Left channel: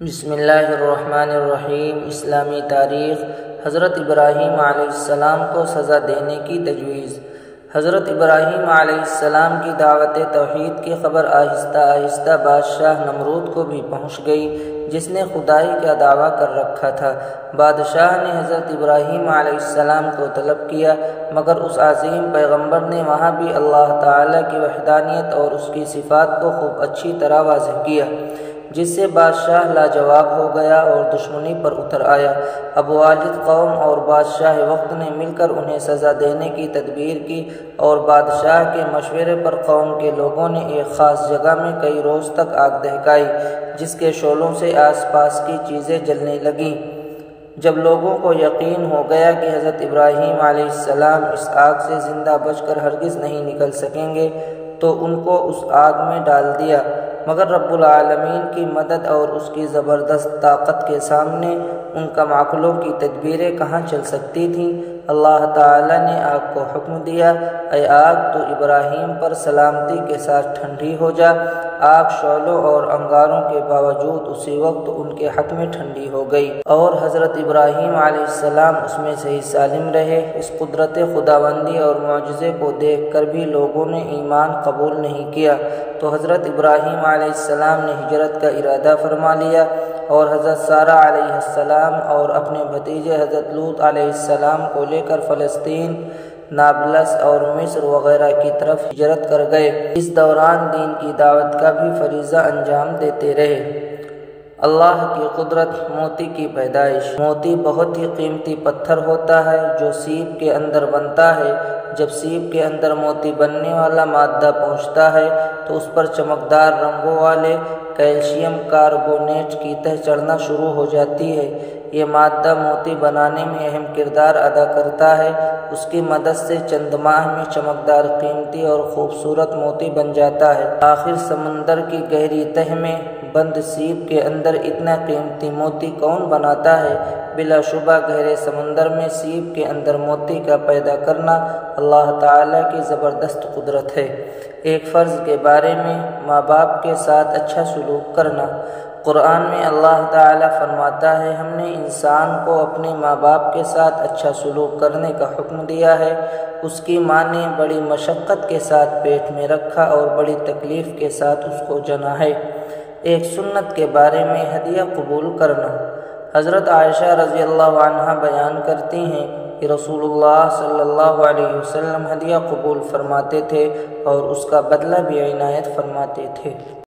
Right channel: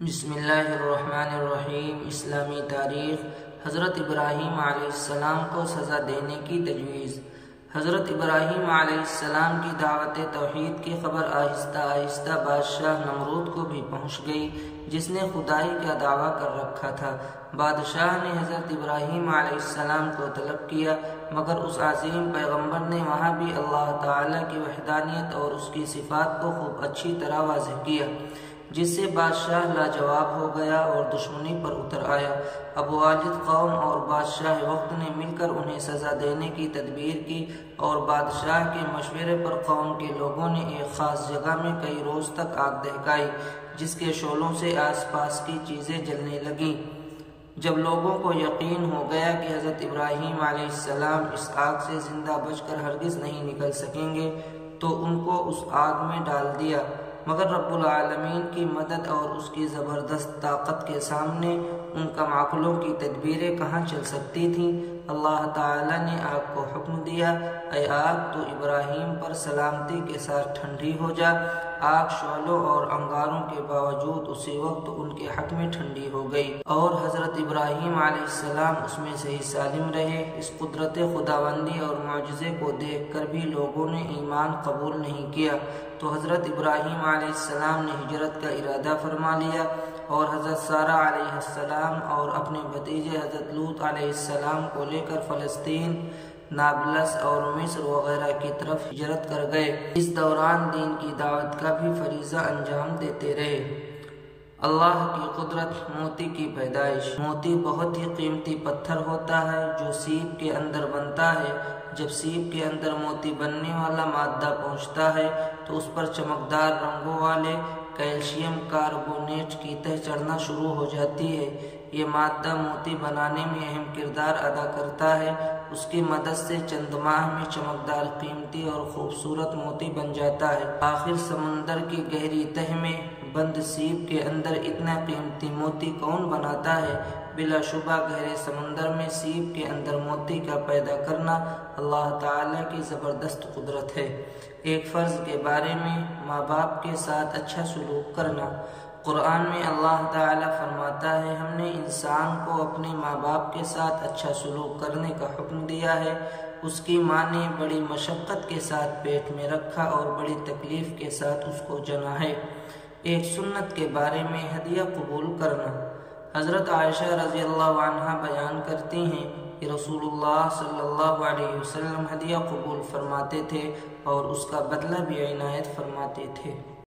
بسم اللہ الرحمن الرحیم۔ اسلامی تاریخ۔ حضرت ابراہیم علیہ السلام کو سزا دینے کی تجویز۔ حضرت ابراہیم علیہ السلام کی دعوت توحید کی خبر آہستہ آہستہ بادشاہ نمرود کو بھی پہنچ گئی، جس نے خدائی کا دعویٰ کر رکھا تھا۔ بادشاہ نے حضرت ابراہیم علیہ السلام کو طلب کیا، مگر اس عظیم پیغمبر نے وہاں بھی اللہ تعالیٰ کی وحدانیت اور اس کی صفات کو خوب اچھی طرح واضح کیا، جس سے بادشاہ لاجواب ہو گیا اور دشمنی پر اتر آیا۔ اب والد قوم اور بادشاہ وقت نے مل کر انہیں سزا دینے کی تدبیر کی، اور بادشاہ کے مشورے پر قوم کے لوگوں نے ایک خاص جگہ میں کئی روز تک آگ دہکائی، جس کے شعلوں سے آس پاس کی چیزیں جلنے لگیں۔ جب لوگوں کو یقین ہو گیا کہ حضرت ابراہیم علیہ السلام اس آگ سے زندہ بچ کر ہرگز نہیں نکل سکیں گے، تو ان کو اس آگ میں ڈال دیا، مگر رب العالمین کی مدد اور اس کی زبردست طاقت کے سامنے ان کم عقلوں کی تدبیریں کہاں چل سکتی تھیں۔ اللہ تعالیٰ نے آگ کو حکم دیا، اے آگ تو ابراہیم پر سلامتی کے ساتھ ٹھنڈی ہو جا۔ آگ شعلوں اور انگاروں کے باوجود اسی وقت ان کے حق میں ٹھنڈی ہو گئی، اور حضرت ابراہیم علیہ السلام اس میں صحیح سالم رہے۔ اس قدرت خداوندی اور معجزے کو دیکھ کر بھی لوگوں نے ایمان قبول نہیں کیا، تو حضرت ابراہیم علیہ السلام نے ہجرت کا ارادہ فرما لیا، اور حضرت سارہ علیہ السلام اور اپنے بھتیجے حضرت لوط علیہ السلام کو لے کر فلسطین، نابلس اور مصر وغیرہ کی طرف ہجرت کر گئے۔ اس دوران دین کی دعوت کا بھی فریضہ انجام دیتے رہے۔ اللہ کی قدرت۔ موتی کی پیدائش۔ موتی بہت ہی قیمتی پتھر ہوتا ہے جو سیپ کے اندر بنتا ہے۔ جب سیپ کے اندر موتی بننے والا مادہ پہنچتا ہے تو اس پر چمکدار رنگوں والے کیلشیم کاربونیٹ کی تہ چڑھنا شروع ہو جاتی ہے۔ یہ مادہ موتی بنانے میں اہم کردار ادا کرتا ہے۔ اس کی مدد سے چند ماہ میں چمکدار، قیمتی اور خوبصورت موتی بن جاتا ہے۔ آخر سمندر کی گہری تہ میں بند سیپ کے اندر اتنا قیمتی موتی کون بناتا ہے؟ بلا شبہ گہرے سمندر میں سیپ کے اندر موتی کا پیدا کرنا اللہ تعالیٰ کی زبردست قدرت ہے۔ ایک فرض کے بارے میں ماں باپ کے ساتھ اچھا سلوک کرنا۔ قرآن میں اللہ تعالیٰ فرماتا ہے، ہم نے انسان کو اپنے ماں باپ کے ساتھ اچھا سلوک کرنے کا حکم دیا ہے۔ اس کی ماں نے بڑی مشقت کے ساتھ پیٹ میں رکھا اور بڑی تکلیف کے ساتھ اس کو جنا ہے۔ ایک سنت کے بارے میں ہدیہ قبول کرنا۔ حضرت عائشہ رضی اللہ عنہا بیان کرتی ہیں کہ رسول اللہ صلی اللہ علیہ وسلم ہدیہ قبول فرماتے تھے اور اس کا بدلہ بھی عنایت فرماتے تھے۔